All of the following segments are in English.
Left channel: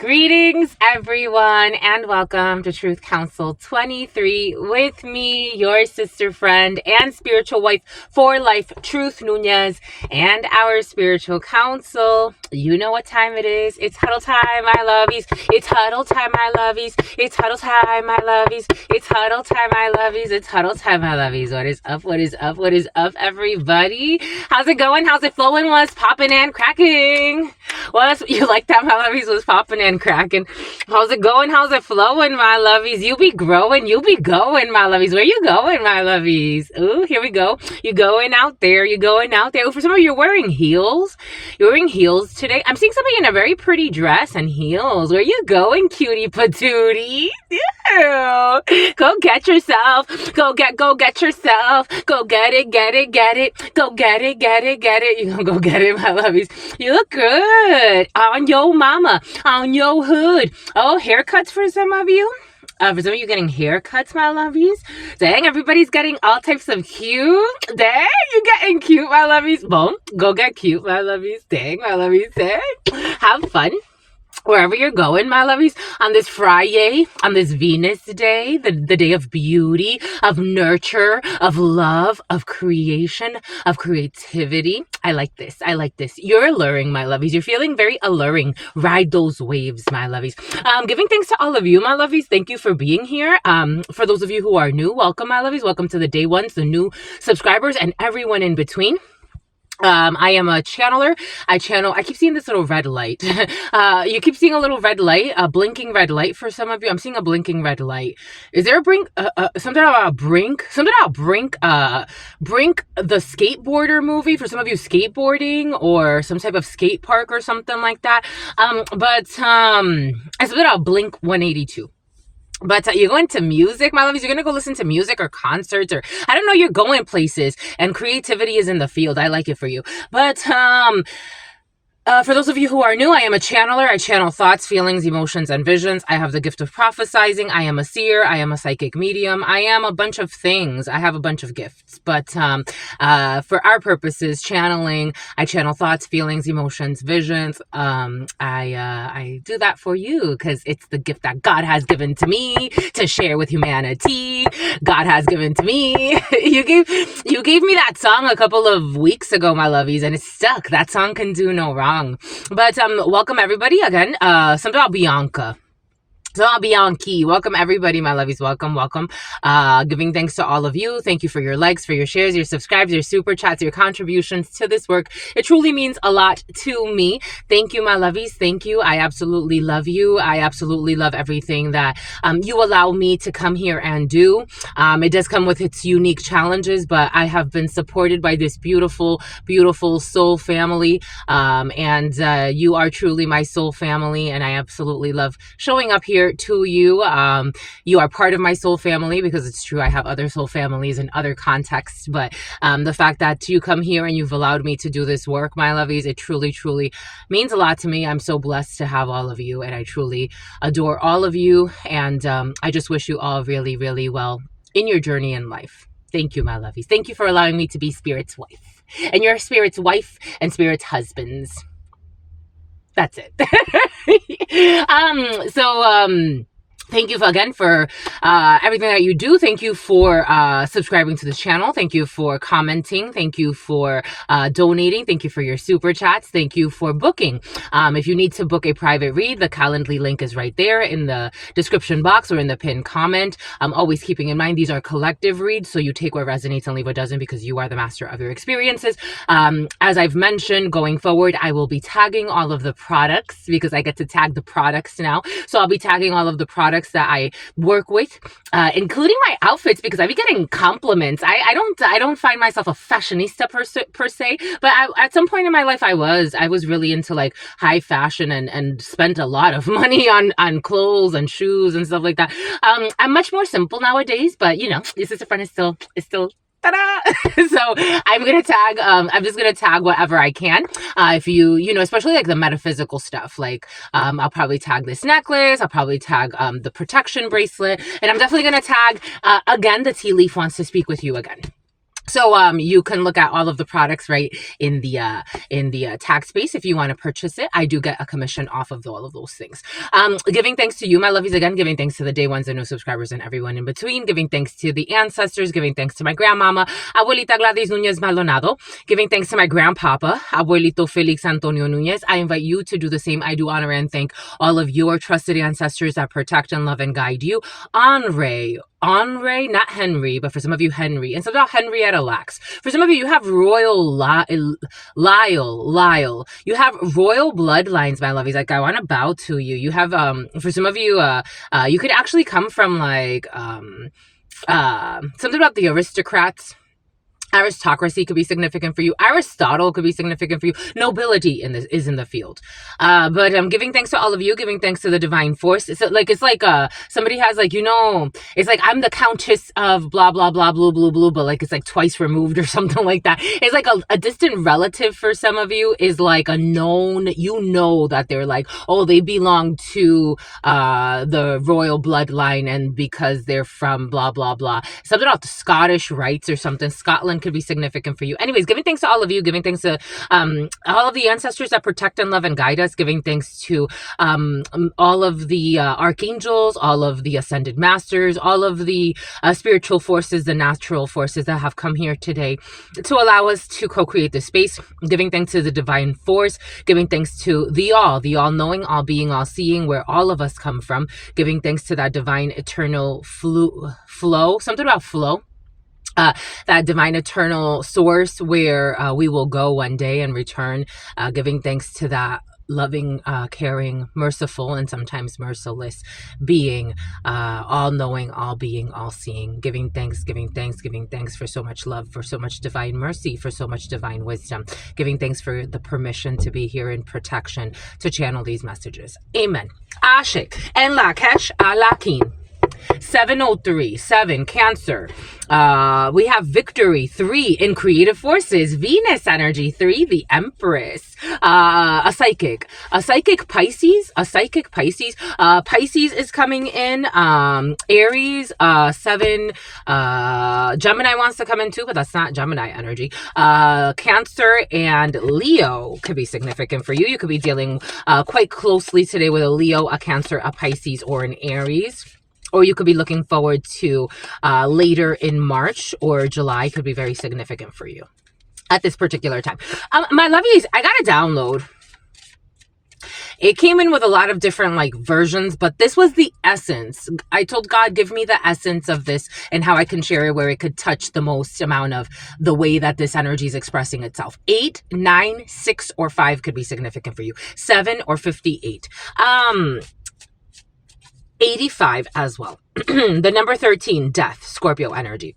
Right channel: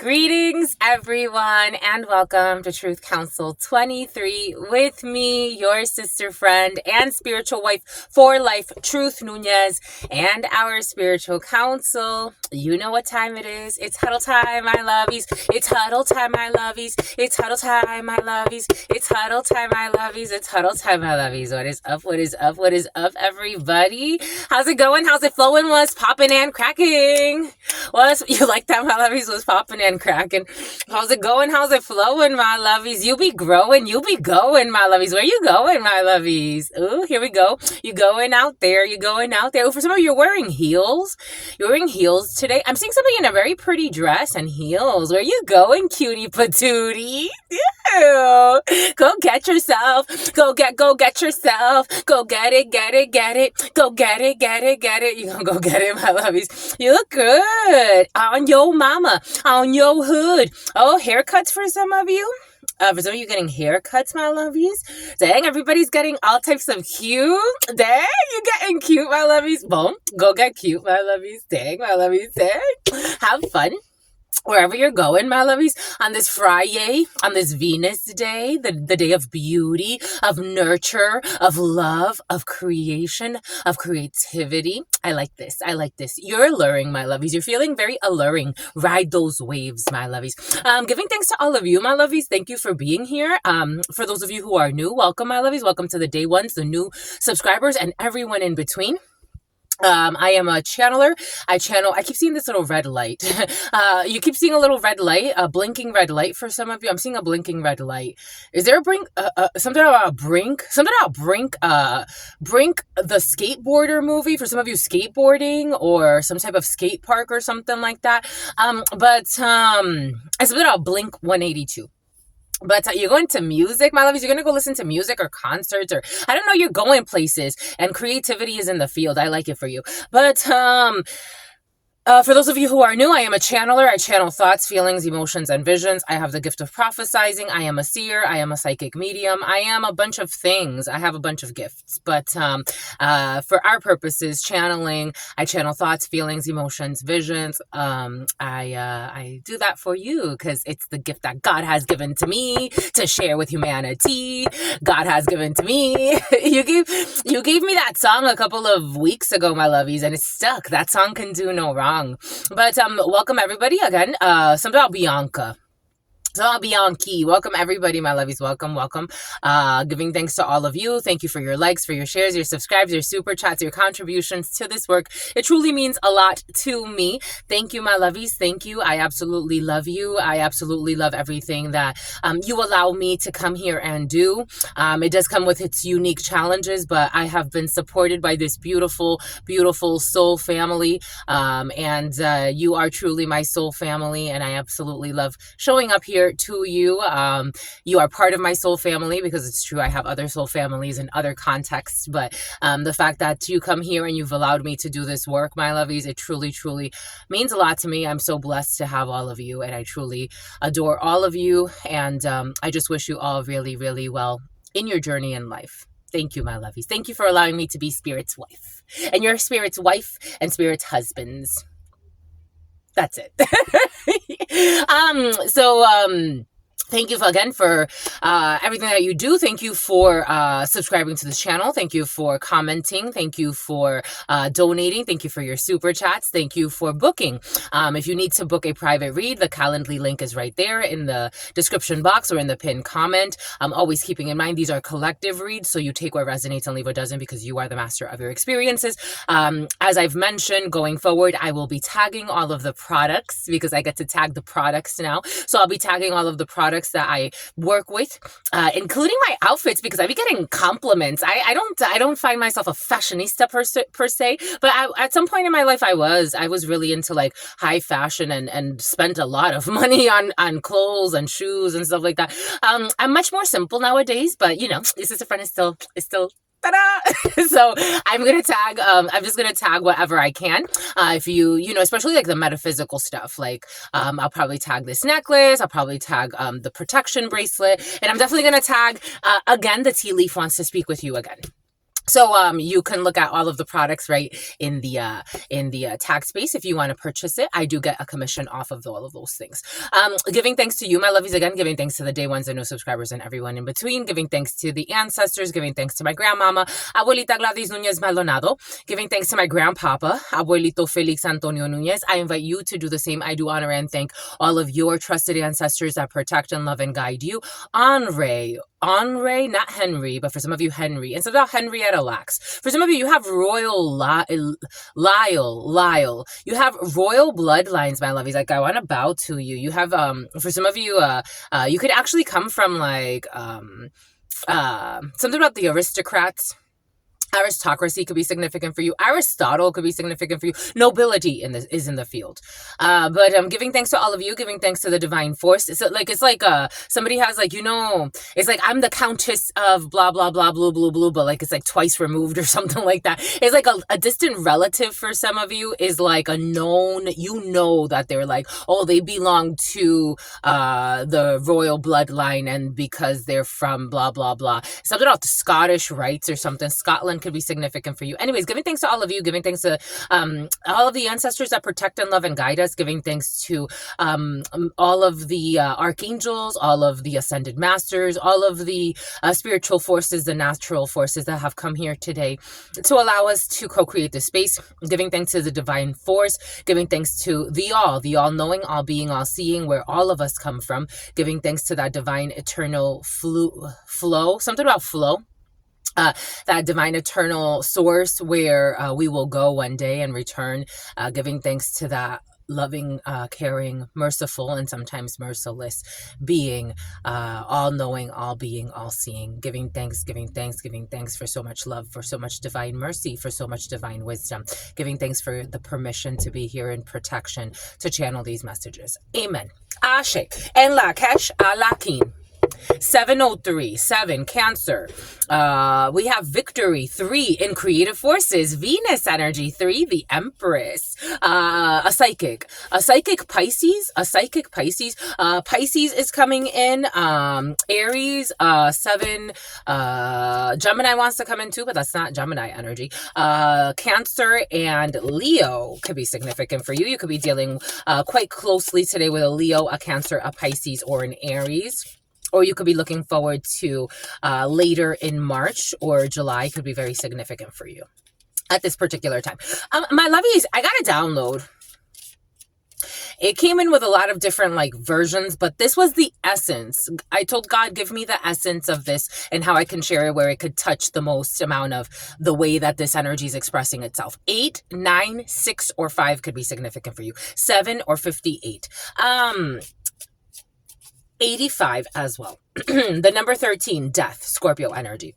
Greetings, everyone, and welcome to Truth Council 23 with me, your sister friend and spiritual wife for life, Truth Nunez, and our spiritual counsel. You know what time it is. It's huddle time, my lovies. It's huddle time, my lovies. It's huddle time, my lovies. It's huddle time, my lovies. It's huddle time, my lovies. What is up? What is up? What is up, everybody? How's it going? How's it flowing? What's popping and cracking? You like that, my lovies? Was popping and cracking. How's it going? How's it flowing, my lovies? You be growing. You be going, my lovies. Where you going, my lovies? Ooh, here we go. You going out there. You going out there. Ooh, for some of you, you're wearing heels. You're wearing heels today. I'm seeing somebody in a very pretty dress and heels. Where you going, cutie patootie? Ew. Go get yourself. Go get yourself. Go get it. Go get it. You gonna go get it, my lovies. You look good. On your mama. On your hood. Oh, haircuts for some of you. For some of you getting haircuts, my lovies. Dang, everybody's getting all types of cute. Dang, you getting cute, my lovies. Boom. Go get cute, my lovies. Dang, my lovies. Dang. Have fun. Wherever you're going, my lovies, on this Friday, on this Venus day, the day of beauty, of nurture, of love, of creation, of creativity. I like this. You're alluring, my lovies. You're feeling very alluring. Ride those waves, my lovies. Giving thanks to all of you, my lovies. Thank you for being here. For those of you who are new, welcome, my lovies. Welcome to the day ones, the new subscribers, and everyone in between. I am a channeler. I keep seeing this little red light. You keep seeing a little red light, a blinking red light for some of you. I'm seeing a blinking red light. Is there a brink? Something about Brink? Something about Brink? Brink, the skateboarder movie for some of you, skateboarding or some type of skate park or something like that. But it's something about Blink 182. But you're going to music, my lovies. You're going to go listen to music or concerts, or I don't know, you're going places, and creativity is in the field. I like it for you. But for those of you who are new, I am a channeler. I channel thoughts, feelings, emotions, and visions. I have the gift of prophesizing. I am a seer. I am a psychic medium. I am a bunch of things. I have a bunch of gifts. But for our purposes, channeling, I channel thoughts, feelings, emotions, visions. I do that for you because it's the gift that God has given to me to share with humanity. God has given to me. You gave me that song a couple of weeks ago, my lovies, and it's stuck. That song can do no wrong. But welcome everybody again. Something about Bianca. So I'll be on key. Welcome everybody, my lovies. Welcome. Giving thanks to all of you. Thank you for your likes, for your shares, your subscribes, your super chats, your contributions to this work. It truly means a lot to me. Thank you, my lovies. Thank you. I absolutely love you. I absolutely love everything that you allow me to come here and do. It does come with its unique challenges, but I have been supported by this beautiful, beautiful soul family. And you are truly my soul family, and I absolutely love showing up here to you. You are part of my soul family because it's true, I have other soul families in other contexts, but the fact that you come here and you've allowed me to do this work, my lovies, it truly, truly means a lot to me. I'm so blessed to have all of you, and I truly adore all of you, and I just wish you all really, really well in your journey in life. Thank you, my lovies. Thank you for allowing me to be Spirit's wife, and you're Spirit's wife and Spirit's husbands. That's it. Thank you again for everything that you do. Thank you for subscribing to this channel. Thank you for commenting. Thank you for donating. Thank you for your super chats. Thank you for booking. If you need to book a private read, the Calendly link is right there in the description box or in the pinned comment. I'm always keeping in mind these are collective reads, so you take what resonates and leave what doesn't because you are the master of your experiences. As I've mentioned, going forward, I will be tagging all of the products because I get to tag the products now. So I'll be tagging all of the products that I work with, including my outfits, because I be getting compliments. I don't find myself a fashionista per se, but at some point in my life I was really into like high fashion and spent a lot of money on clothes and shoes and stuff like that. I'm much more simple nowadays, but you know, your sister friend is still ta-da! So I'm just gonna tag whatever I can. If you know, especially like the metaphysical stuff, like I'll probably tag this necklace, I'll probably tag the protection bracelet, and I'm definitely gonna tag again, the tea leaf wants to speak with you again. So you can look at all of the products right in the tag space if you want to purchase it. I do get a commission off of all of those things. Giving thanks to you, my lovies, again, giving thanks to the day ones and new subscribers and everyone in between, giving thanks to the ancestors, giving thanks to my grandmama, Abuelita Gladys Nunez Maldonado, giving thanks to my grandpapa, Abuelito Felix Antonio Nunez. I invite you to do the same. I do honor and thank all of your trusted ancestors that protect and love and guide you. Henri, not Henry, but for some of you, Henry. And some of Henrietta Lacks. For some of you, you have royal Lyle. You have royal bloodlines, my lovies. Like, I want to bow to you. You have, for some of you, you could actually come from like, something about the aristocrats. Aristocracy could be significant for you. Aristotle could be significant for you. Nobility is in the field. But I'm giving thanks to all of you, giving thanks to the divine force. It's like somebody has like, it's like I'm the countess of blah blah blah blue blue blue, but like it's like twice removed or something like that. It's like a distant relative for some of you is like a known, that they're like, oh, they belong to the royal bloodline, and because they're from blah blah blah. Something about the Scottish rites or something. Scotland could be significant for you. Anyways, giving thanks to all of you, giving thanks to all of the ancestors that protect and love and guide us, giving thanks to all of the archangels, all of the ascended masters, all of the spiritual forces, the natural forces that have come here today to allow us to co-create this space, giving thanks to the divine force, giving thanks to the all-knowing, all-being, all-seeing, where all of us come from, giving thanks to that divine eternal flow, something about flow. That divine eternal source where we will go one day and return, giving thanks to that loving, caring, merciful, and sometimes merciless being, all-knowing, all-being, all-seeing, giving thanks for so much love, for so much divine mercy, for so much divine wisdom, giving thanks for the permission to be here in protection to channel these messages. Amen. Ashe. En la kesh alakin. 703, 7, Cancer. We have Victory, 3, in Creative Forces. Venus energy, 3, the Empress. A psychic Pisces. Pisces is coming in. Aries, 7. Gemini wants to come in too, but that's not Gemini energy. Cancer and Leo could be significant for you. You could be dealing quite closely today with a Leo, a Cancer, a Pisces, or an Aries. Or you could be looking forward to later in March or July could be very significant for you at this particular time. My lovies, I got a download. It came in with a lot of different like versions, but this was the essence. I told God, give me the essence of this and how I can share it where it could touch the most amount of the way that this energy is expressing itself. 8, 9, 6, or 5 could be significant for you. 7 or 58. 85 as well. The number 13, death, Scorpio energy.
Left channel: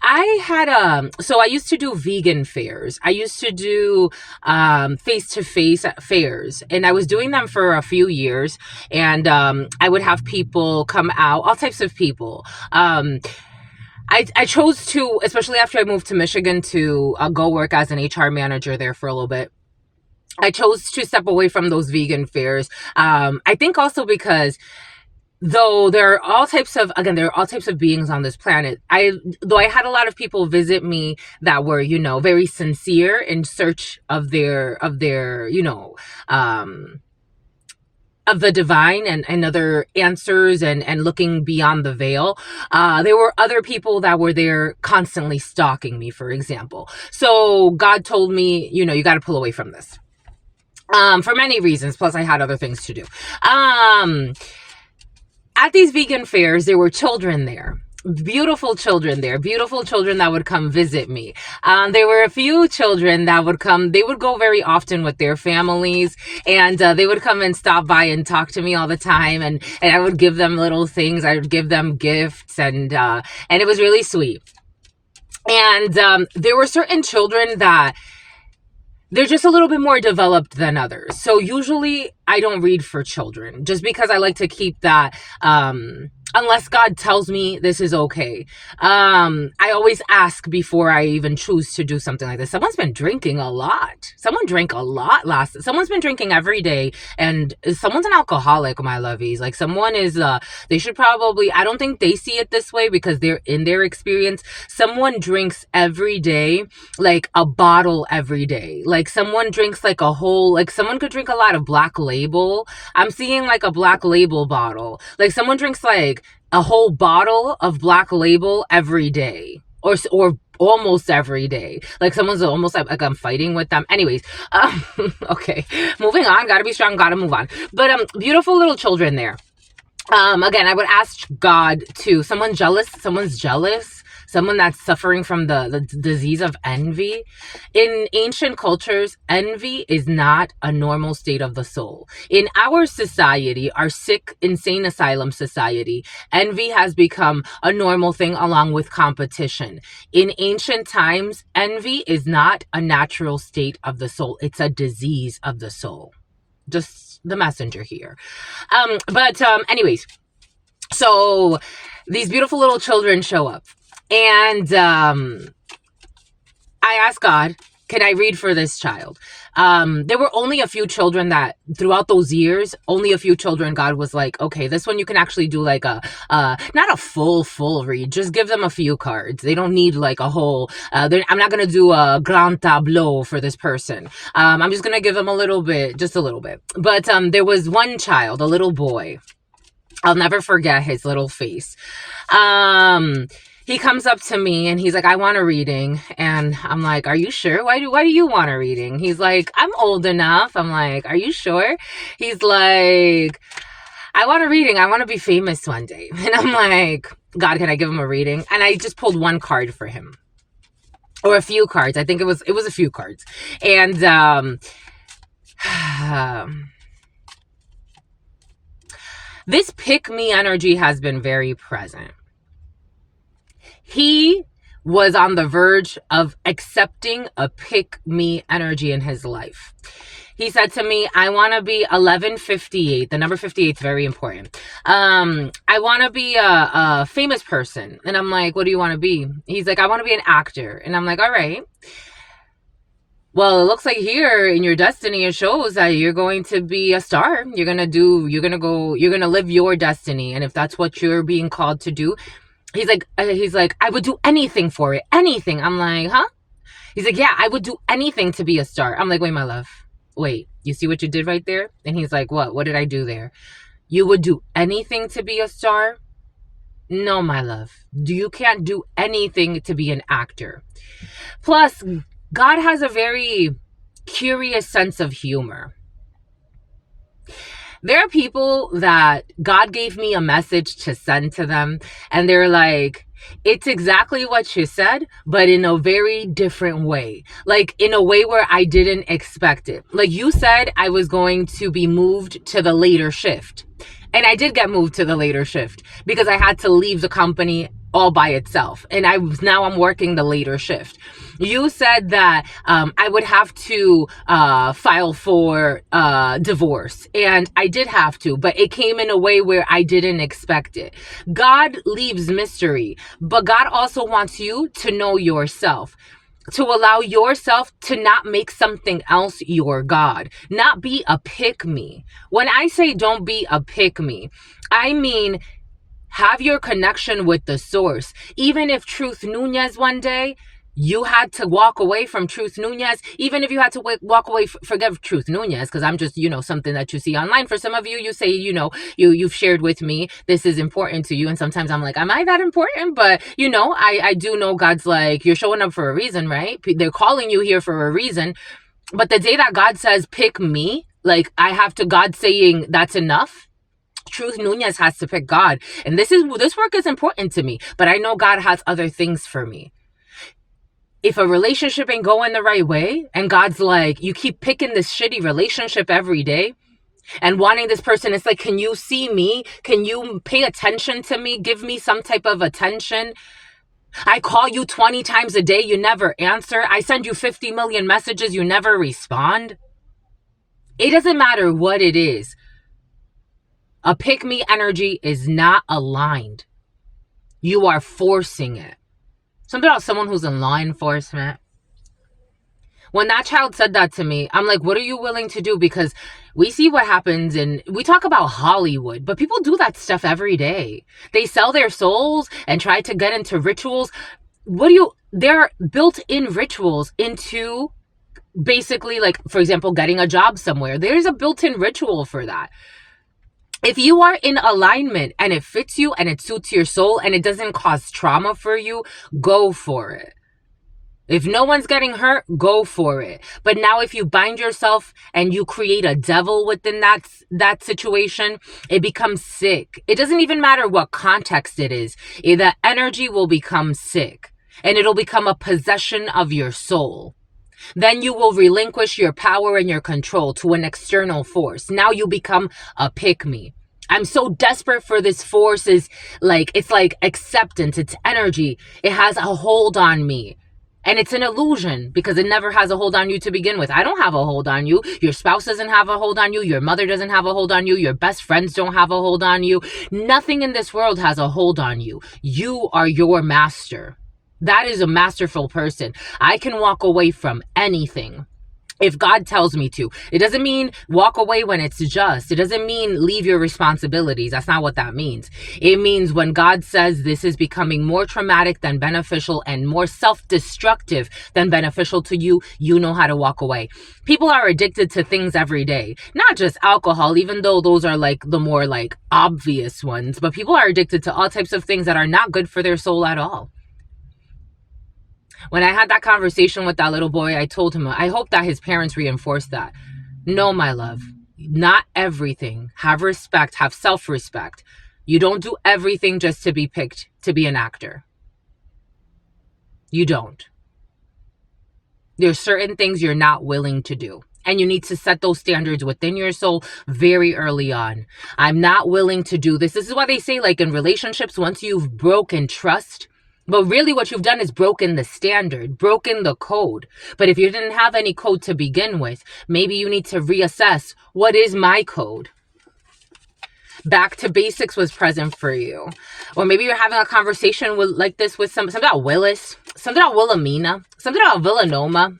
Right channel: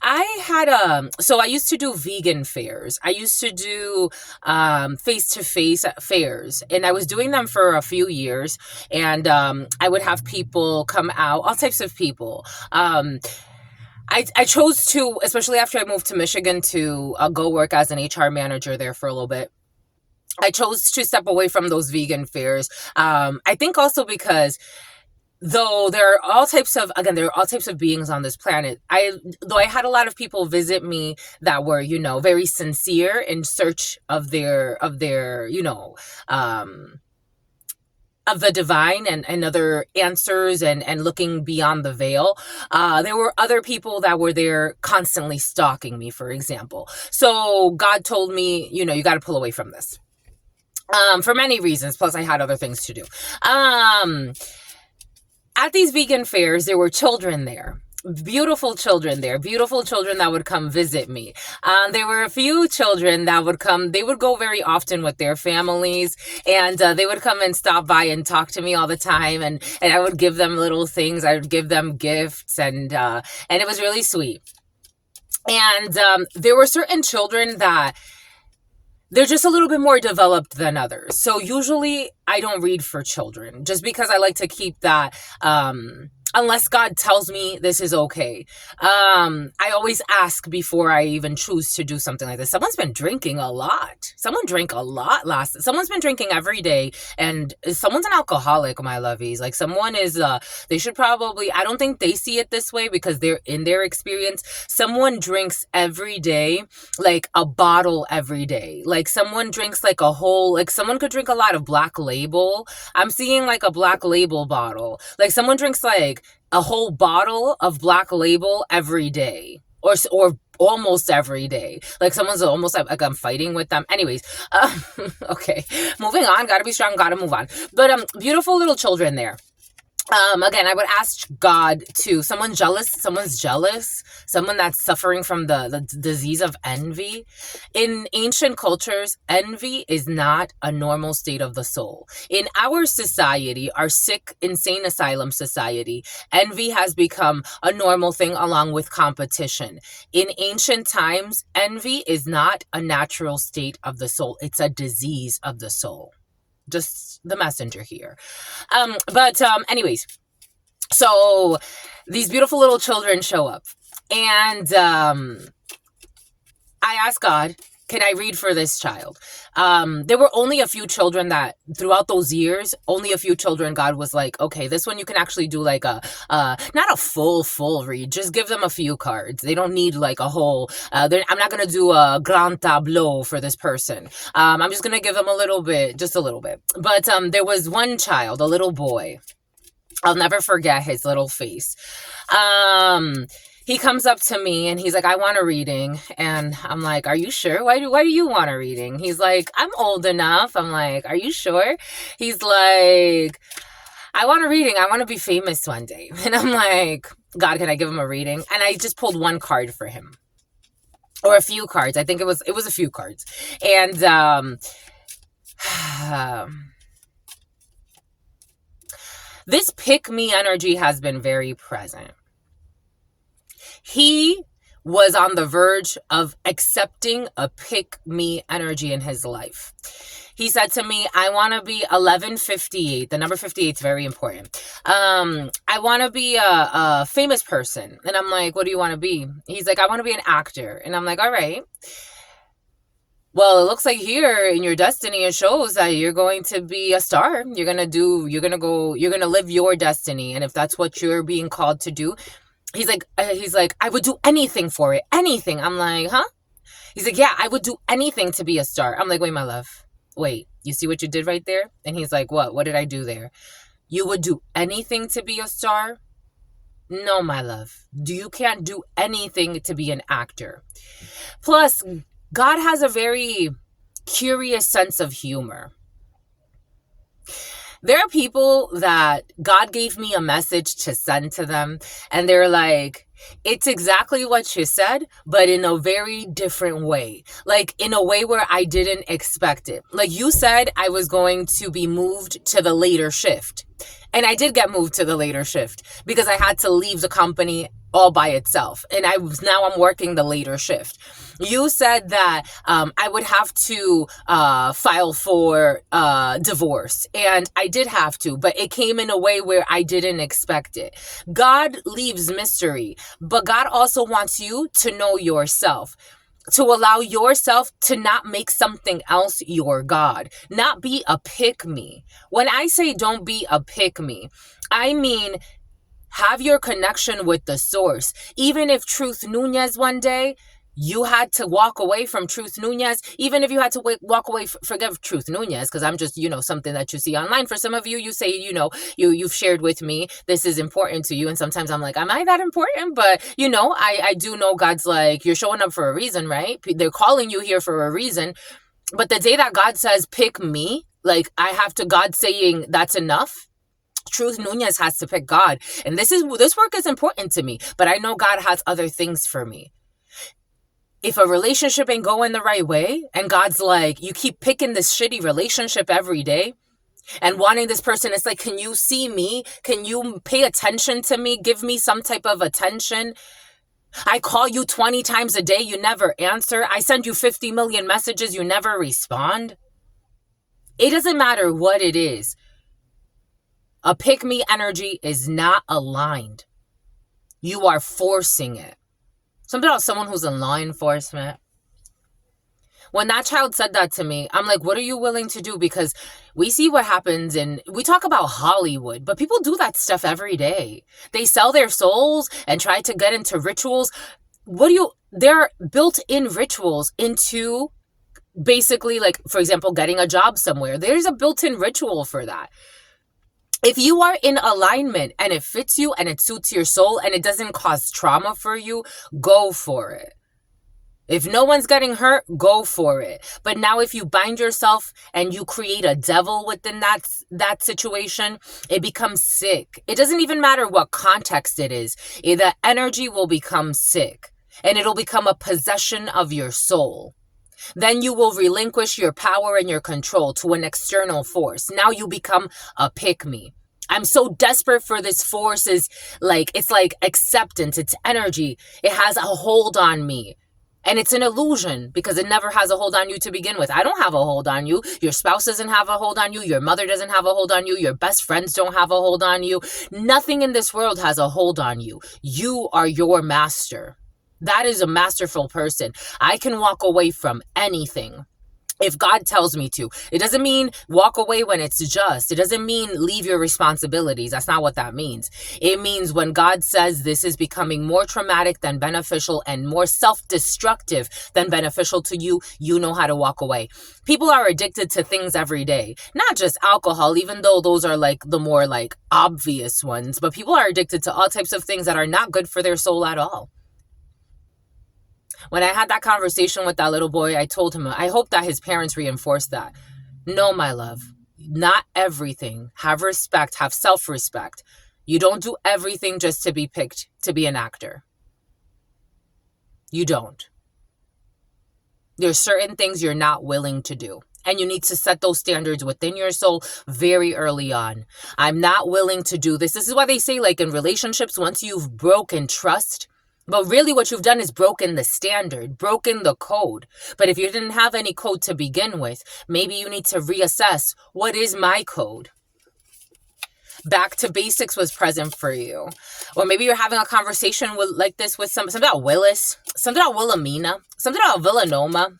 I had so I used to do vegan fairs. I used to do face-to-face fairs, and I was doing them for a few years, and I would have people come out, all types of people. I chose to, especially after I moved to Michigan, to go work as an HR manager there for a little bit. I chose to step away from those vegan fairs. I think also because though there are all types of beings on this planet, I had a lot of people visit me that were, very sincere in search of their of the divine and other answers and looking beyond the veil. There were other people that were there constantly stalking me, for example. So God told me, you got to pull away from this. For many reasons, plus I had other things to do. At these vegan fairs, there were children there. Beautiful children there. Beautiful children that would come visit me. There were a few children that would come. They would go very often with their families, and they would come and stop by and talk to me all the time. And I would give them little things. I would give them gifts, and it was really sweet. And there were certain children that they're just a little bit more developed than others. So usually I don't read for children, just because I like to keep that, unless God tells me this is okay. I always ask before I even choose to do something like this. Someone's been drinking a lot. Someone drank a lot someone's been drinking every day, and someone's an alcoholic, my lovies. Like, someone is, they should probably, I don't think they see it this way because they're in their experience. Someone drinks every day, like a bottle every day. Like, someone drinks like a whole, like, someone could drink a lot of Black Label. I'm seeing like a Black Label bottle. Like, someone drinks like a whole bottle of Black Label every day, or almost every day. Like, someone's almost like I'm fighting with them. Anyways, okay, moving on. Gotta be strong. Gotta move on. But beautiful little children there. Again, I would ask God to, someone's jealous, someone that's suffering from the disease of envy. In ancient cultures, envy is not a normal state of the soul. In our society, our sick, insane asylum society, envy has become a normal thing along with competition. In ancient times, envy is not a natural state of the soul. It's a disease of the soul. Just the messenger here. Anyways, so these beautiful little children show up, and I asked God, can I read for this child? There were only a few children that throughout those years, only a few children, God was like, okay, this one you can actually do like a, not a full read, just give them a few cards. They don't need like a whole, I'm not going to do a grand tableau for this person. I'm just going to give them a little bit, just a little bit. But there was one child, a little boy. I'll never forget his little face. He comes up to me and he's like, I want a reading. And I'm like, are you sure? Why do you want a reading? He's like, I'm old enough. I'm like, are you sure? He's like, I want a reading. I want to be famous one day. And I'm like, God, can I give him a reading? And I just pulled one card for him, or a few cards. I think it was a few cards. And, this pick me energy has been very present. He was on the verge of accepting a pick me energy in his life. He said to me, I want to be 1158. The number 58 is very important. I want to be a famous person. And I'm like, what do you want to be? He's like, I want to be an actor. And I'm like, all right. Well, it looks like here in your destiny, it shows that you're going to be a star. You're going to live your destiny. And if that's what you're being called to do, he's like, I would do anything for it. Anything. I'm like, huh? He's like, yeah, I would do anything to be a star. I'm like, wait, my love. Wait, you see what you did right there? And he's like, what? What did I do there? You would do anything to be a star? No, my love. You can't do anything to be an actor. Plus, God has a very curious sense of humor. There are people that God gave me a message to send to them, and they're like, it's exactly what you said, but in a very different way. Like, in a way where I didn't expect it. Like, you said I was going to be moved to the later shift. And I did get moved to the later shift because I had to leave the company all by itself. And now I'm working the later shift. You said that I would have to file for divorce. And I did have to, but it came in a way where I didn't expect it. God leaves mystery, but God also wants you to know yourself, to allow yourself to not make something else your God, not be a pick-me. When I say don't be a pick-me, I mean have your connection with the source. Even if Truth Nunez one day, you had to walk away from Truth Nunez, even if you had to walk away, forget Truth Nunez, because I'm just, something that you see online. For some of you, you say, you've shared with me, this is important to you. And sometimes I'm like, am I that important? But, I do know God's like, you're showing up for a reason, right? They're calling you here for a reason. But the day that God says, pick me, like God saying that's enough, Truth Nunez has to pick God. And this work is important to me, but I know God has other things for me. If a relationship ain't going the right way, and God's like, you keep picking this shitty relationship every day and wanting this person, it's like, can you see me? Can you pay attention to me? Give me some type of attention. I call you 20 times a day. You never answer. I send you 50 million messages. You never respond. It doesn't matter what it is. A pick-me energy is not aligned. You are forcing it. Something about someone who's in law enforcement. When that child said that to me, I'm like, what are you willing to do? Because we see what happens, and we talk about Hollywood, but people do that stuff every day. They sell their souls and try to get into rituals. There are built-in rituals into basically, like, for example, getting a job somewhere. There's a built-in ritual for that. If you are in alignment and it fits you and it suits your soul and it doesn't cause trauma for you, go for it. If no one's getting hurt, go for it. But now if you bind yourself and you create a devil within that situation, it becomes sick. It doesn't even matter what context it is. The energy will become sick and it'll become a possession of your soul. Then you will relinquish your power and your control to an external force. Now you become a pick-me. I'm so desperate for this force. It's like acceptance. It's energy. It has a hold on me. And it's an illusion because it never has a hold on you to begin with. I don't have a hold on you. Your spouse doesn't have a hold on you. Your mother doesn't have a hold on you. Your best friends don't have a hold on you. Nothing in this world has a hold on you. You are your master. That is a masterful person. I can walk away from anything if God tells me to. It doesn't mean walk away when it's just. It doesn't mean leave your responsibilities. That's not what that means. It means when God says this is becoming more traumatic than beneficial and more self-destructive than beneficial to you, you know how to walk away. People are addicted to things every day, not just alcohol, even though those are like the more like obvious ones, but people are addicted to all types of things that are not good for their soul at all. When I had that conversation with that little boy, I told him, I hope that his parents reinforced that. No, my love, not everything. Have respect, have self-respect. You don't do everything just to be picked to be an actor. You don't. There's certain things you're not willing to do. And you need to set those standards within your soul very early on. I'm not willing to do this. This is why they say, like, in relationships, once you've broken trust, but really what you've done is broken the standard, broken the code. But if you didn't have any code to begin with, maybe you need to reassess, what is my code? Back to basics was present for you. Or maybe you're having a conversation like this with something about Willis, something about Wilhelmina, something about Villanoma,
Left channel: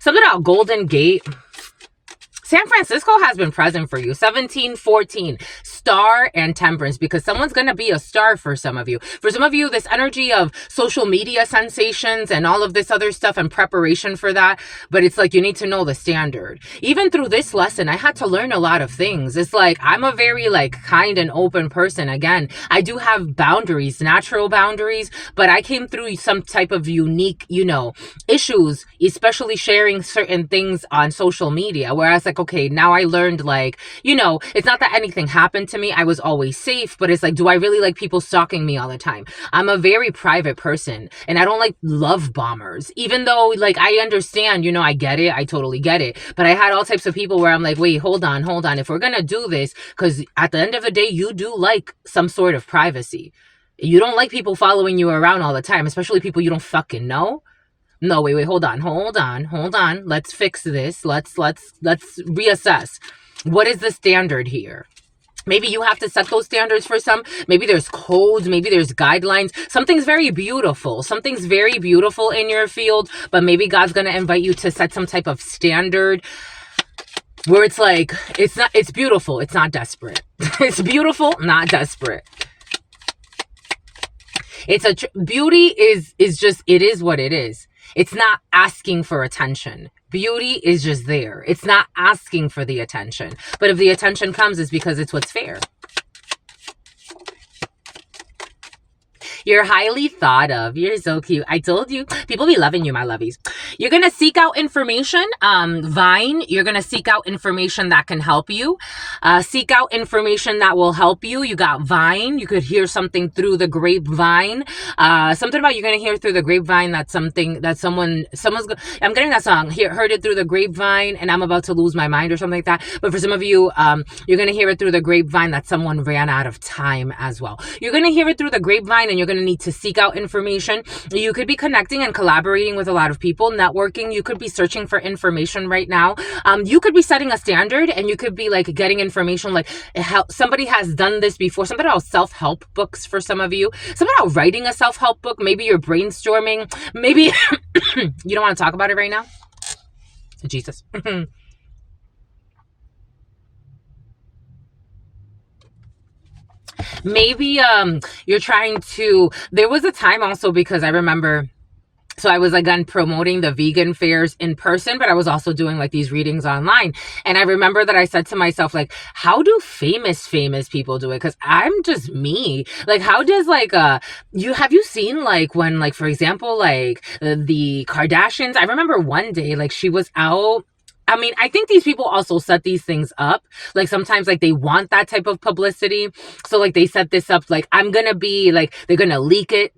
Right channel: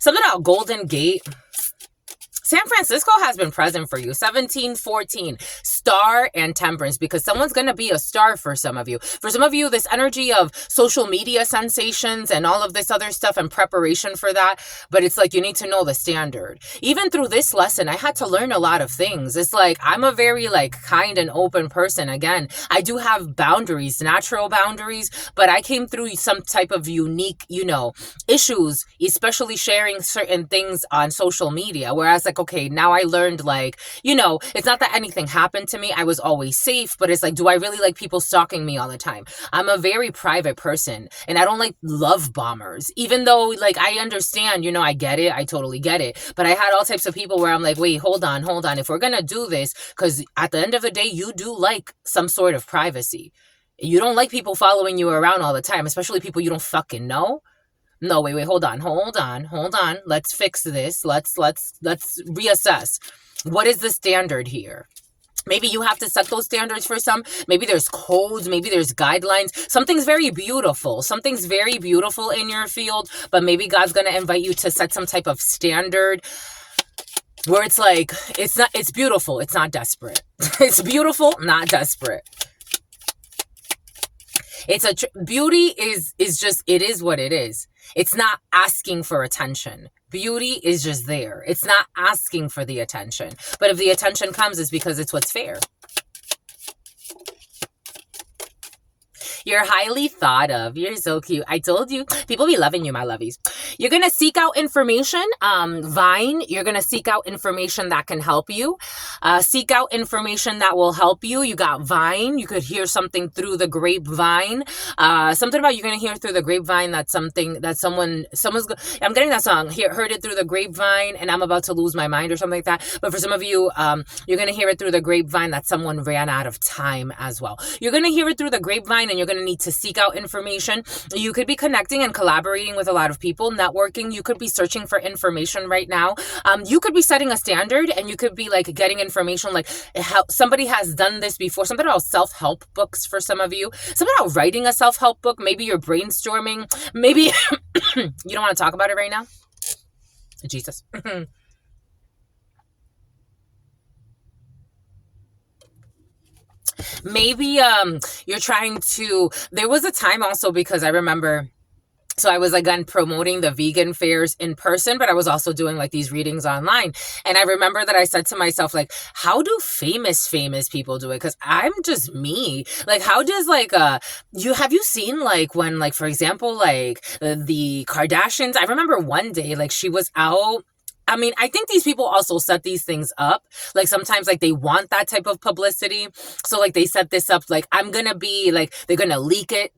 something about Golden Gate. San Francisco has been present for you. 1714, star and temperance, because someone's going to be a star for some of you. For some of you, this energy of social media sensations and all of this other stuff and preparation for that. But it's like you need to know the standard. Even through this lesson, I had to learn a lot of things. It's like I'm a very like kind and open person. Again, I do have boundaries, natural boundaries, but I came through some type of unique, issues, especially sharing certain things on social media, whereas like, okay, now I learned it's not that anything happened to me. I was always safe, but it's like, do I really like people stalking me all the time? I'm a very private person and I don't like love bombers, even though like I understand, I get it. I totally get it. But I had all types of people where I'm like, wait, hold on. If we're going to do this, because at the end of the day, you do like some sort of privacy. You don't like people following you around all the time, especially people you don't fucking know. No, wait, hold on. Let's fix this. Let's reassess. What is the standard here? Maybe you have to set those standards for some. Maybe there's codes. Maybe there's guidelines. Something's very beautiful in your field, but maybe God's going to invite you to set some type of standard where it's like, it's beautiful. It's not desperate. It's beautiful, not desperate. Beauty is just, it is what it is. It's not asking for attention. Beauty is just there. It's not asking for the attention. But if the attention comes, it's because it's what's fair. You're highly thought of. You're so cute. I told you. People be loving you, my lovies. You're going to seek out information. Vine, you're going to seek out information that can help you. Seek out information that will help you. You got Vine. You could hear something through the grapevine. Something about you're going to hear through the grapevine that I'm getting that song. Heard it through the grapevine and I'm about to lose my mind or something like that. But for some of you, you're going to hear it through the grapevine that someone ran out of time as well. You're going to hear it through the grapevine and you're going to need to seek out information. You could be connecting and collaborating with a lot of people. Now, networking. You could be searching for information right now. You could be setting a standard, and you could be like getting information like how somebody has done this before. Something about self-help books for some of you. Something about writing a self-help book. Maybe you're brainstorming. Maybe you don't want to talk about it right now. Jesus. Maybe you're trying to, there was a time also, because I remember, so I was again promoting the vegan fairs in person, but I was also doing like these readings online. And I remember that I said to myself, like, how do famous people do it? Because I'm just me. Like, how does like have you seen like when, like, for example, like the Kardashians? I remember one day, like, she was out. I mean, I think these people also set these things up. Like, sometimes, like, they want that type of publicity. So, like, they set this up, like, I'm gonna be, like, they're gonna leak it.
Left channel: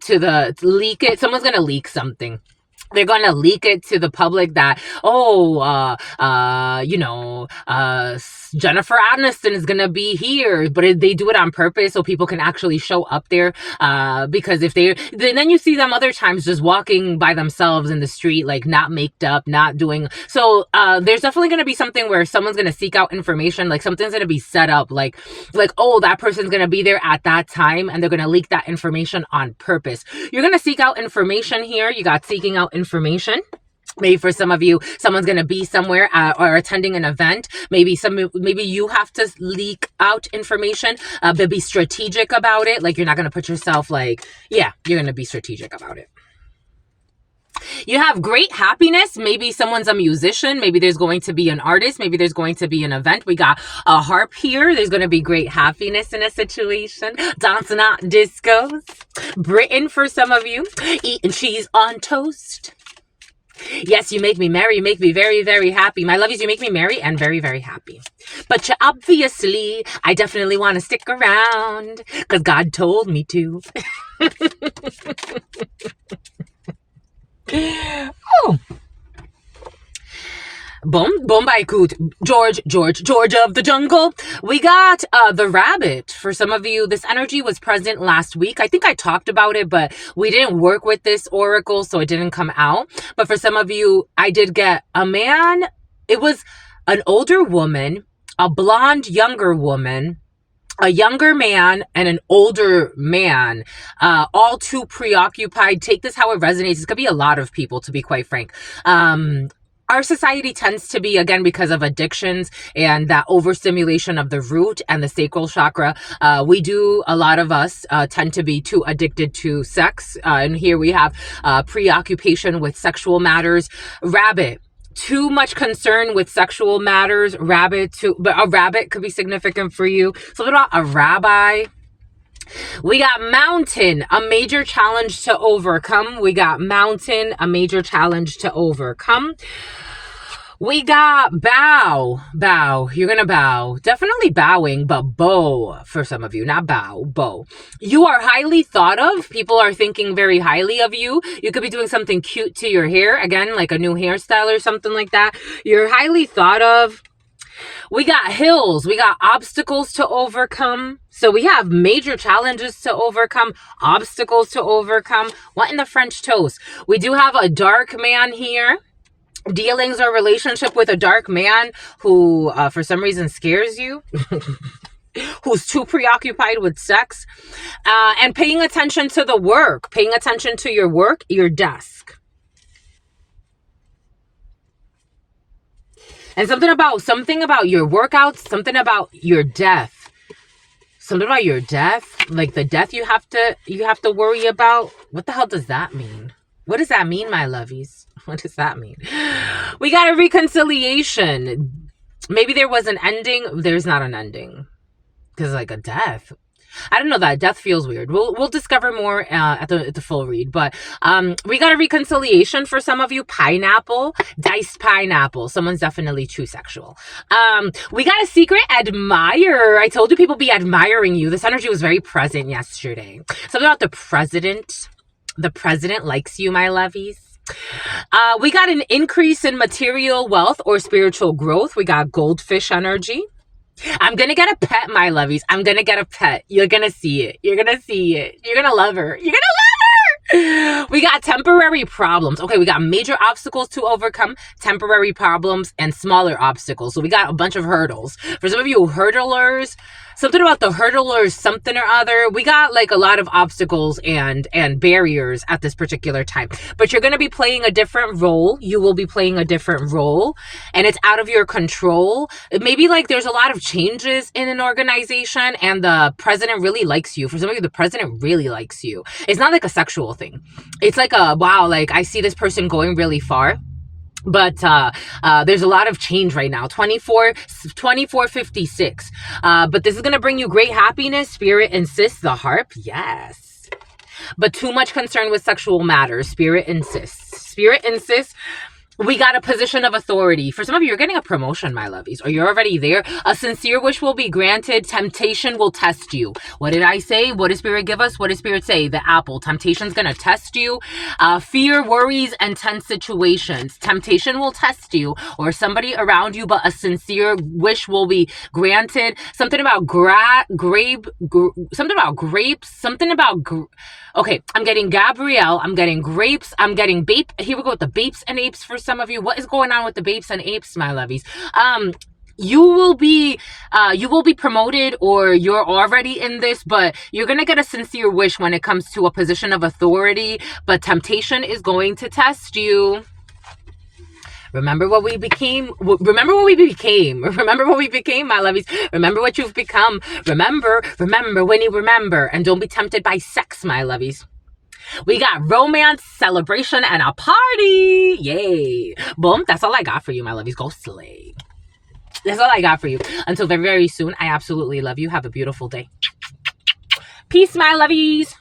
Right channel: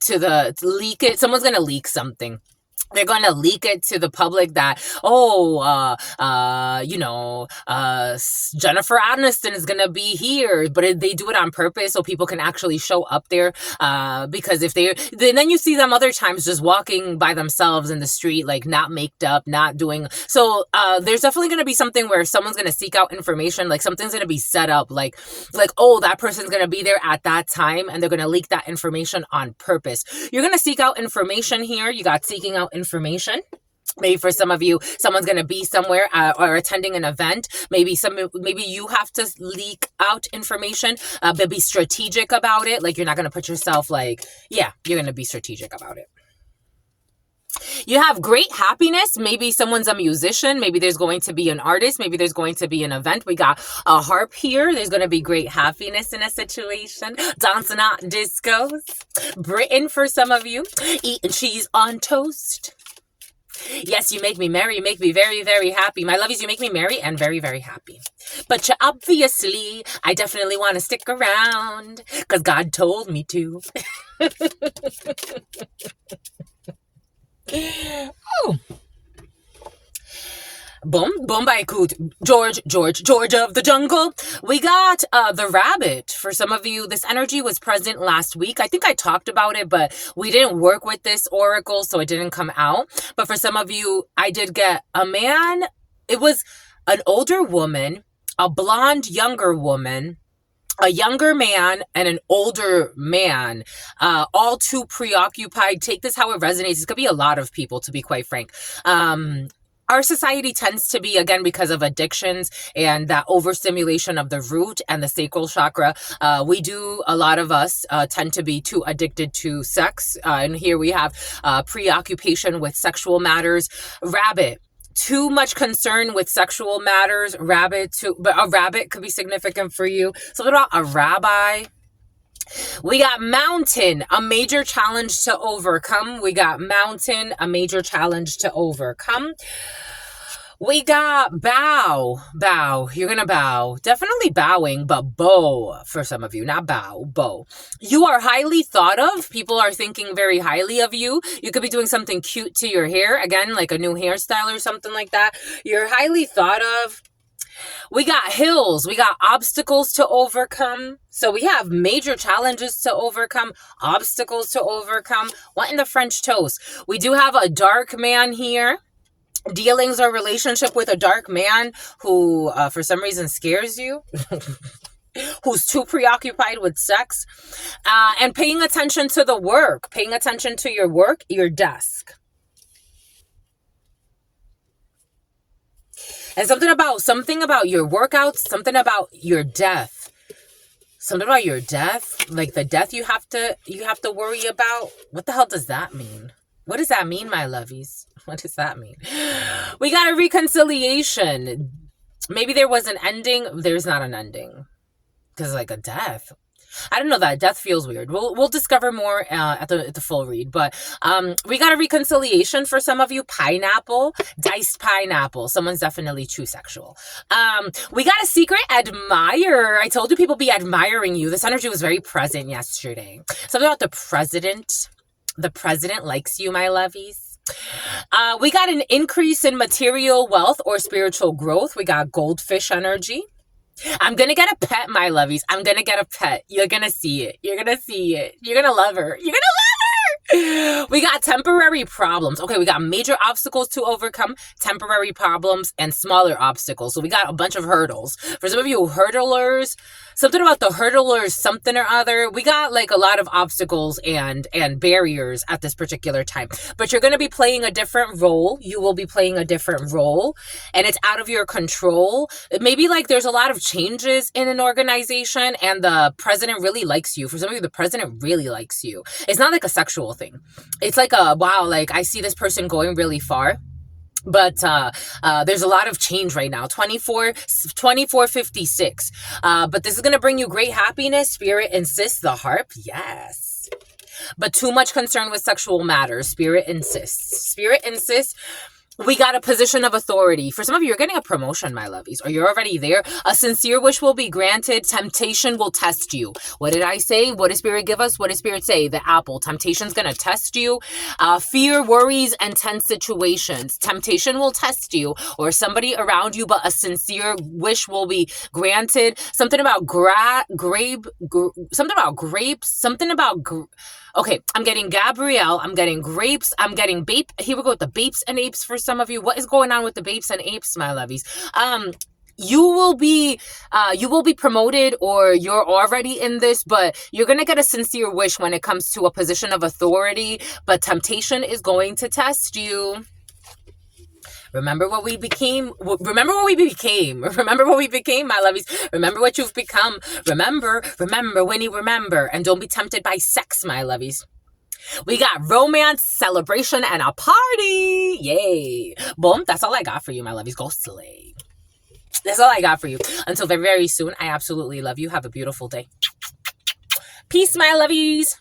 Someone's gonna leak something. They're going to leak it to the public that, Jennifer Aniston is going to be here, but they do it on purpose so people can actually show up there. Because then you see them other times just walking by themselves in the street, like not maked up, not doing. So, there's definitely going to be something where someone's going to seek out information. Like, something's going to be set up like, oh, that person's going to be there at that time, and they're going to leak that information on purpose. You're going to seek out information here. You got seeking out information. Maybe for some of you, someone's going to be somewhere or attending an event. Maybe you have to leak out information, but be strategic about it. Like, you're not going to put yourself like, yeah, you're going to be strategic about it. You have great happiness. Maybe someone's a musician. Maybe there's going to be an artist. Maybe there's going to be an event. We got a harp here. There's going to be great happiness in a situation. Dancing at discos. Britain for some of you. Eating cheese on toast. Yes, you make me merry. You make me very, very happy. My lovies, you make me merry and very, very happy. But I definitely want to stick around because God told me to. Oh. Bombay Coot, George of the jungle. We got the rabbit. For some of you, this energy was present last week. I think I talked about it, but we didn't work with this oracle, so it didn't come out. But for some of you, I did get a man. It was an older woman, a blonde younger woman, a younger man, and an older man, all too preoccupied. Take this how it resonates. It could be a lot of people, to be quite frank. Our society tends to be, again, because of addictions and that overstimulation of the root and the sacral chakra, a lot of us tend to be too addicted to sex. And here we have preoccupation with sexual matters. Rabbit. Too much concern with sexual matters. A rabbit could be significant for you. So what about a rabbi? We got mountain, a major challenge to overcome. We got mountain, a major challenge to overcome. We got bow. You're going to bow. Definitely bowing, but bow for some of you. Not bow. You are highly thought of. People are thinking very highly of you. You could be doing something cute to your hair. Again, like a new hairstyle or something like that. You're highly thought of. We got hills. We got obstacles to overcome. So we have major challenges to overcome, obstacles to overcome. What in the French toast? We do have a dark man here. Dealings or relationship with a dark man who, for some reason, scares you. Who's too preoccupied with sex. And paying attention to the work. Paying attention to your work, your desk. And something about your workouts, something about your death. Something about your death, like the death you have to worry about. What the hell does that mean? What does that mean, my lovies? What does that mean? We got a reconciliation. Maybe there was an ending. There's not an ending. Because like a death. I don't know, that death feels weird. We'll discover more at the full read. But we got a reconciliation for some of you. Pineapple, diced pineapple. Someone's definitely too sexual. We got a secret admirer. I told you people be admiring you. This energy was very present yesterday. Something about the president. The president likes you, my lovies. We got an increase in material wealth or spiritual growth. We got goldfish energy. I'm going to get a pet, my lovies. I'm going to get a pet. You're going to see it. You're going to see it. You're going to love her. You're going to love We got temporary problems. Okay, we got major obstacles to overcome, temporary problems, and smaller obstacles. So we got a bunch of hurdles. For some of you hurdlers, something about the hurdlers, something or other. We got like a lot of obstacles and barriers at this particular time. But you're going to be playing a different role. You will be playing a different role, and it's out of your control. Maybe like there's a lot of changes in an organization and the president really likes you. For some of you, the president really likes you. It's not like a sexual thing. It's like a, wow, like I see this person going really far. But there's a lot of change right now. 2456. But this is going to bring you great happiness. Spirit insists. The harp. Yes. But too much concern with sexual matters. Spirit insists. Spirit insists. We got a position of authority. For some of you, you're getting a promotion, my lovies, or you're already there. A sincere wish will be granted. Temptation will test you. What did I say? What does Spirit give us? What does Spirit say? The apple. Temptation's going to test you. Fear, worries, and tense situations. Temptation will test you or somebody around you, but a sincere wish will be granted. Something about okay, I'm getting Gabrielle, I'm getting grapes, I'm getting bape. Here we go with the bapes and apes for some of you. What is going on with the bapes and apes, my lovies? You will be promoted, or you're already in this, but you're going to get a sincere wish when it comes to a position of authority, but temptation is going to test you. Remember what we became. Remember what we became. Remember what we became, my lovies. Remember what you've become. Remember when you remember. And don't be tempted by sex, my lovies. We got romance, celebration, and a party. Yay. Boom. That's all I got for you, my lovies. Go slay. That's all I got for you. Until very, very soon. I absolutely love you. Have a beautiful day. Peace, my lovies.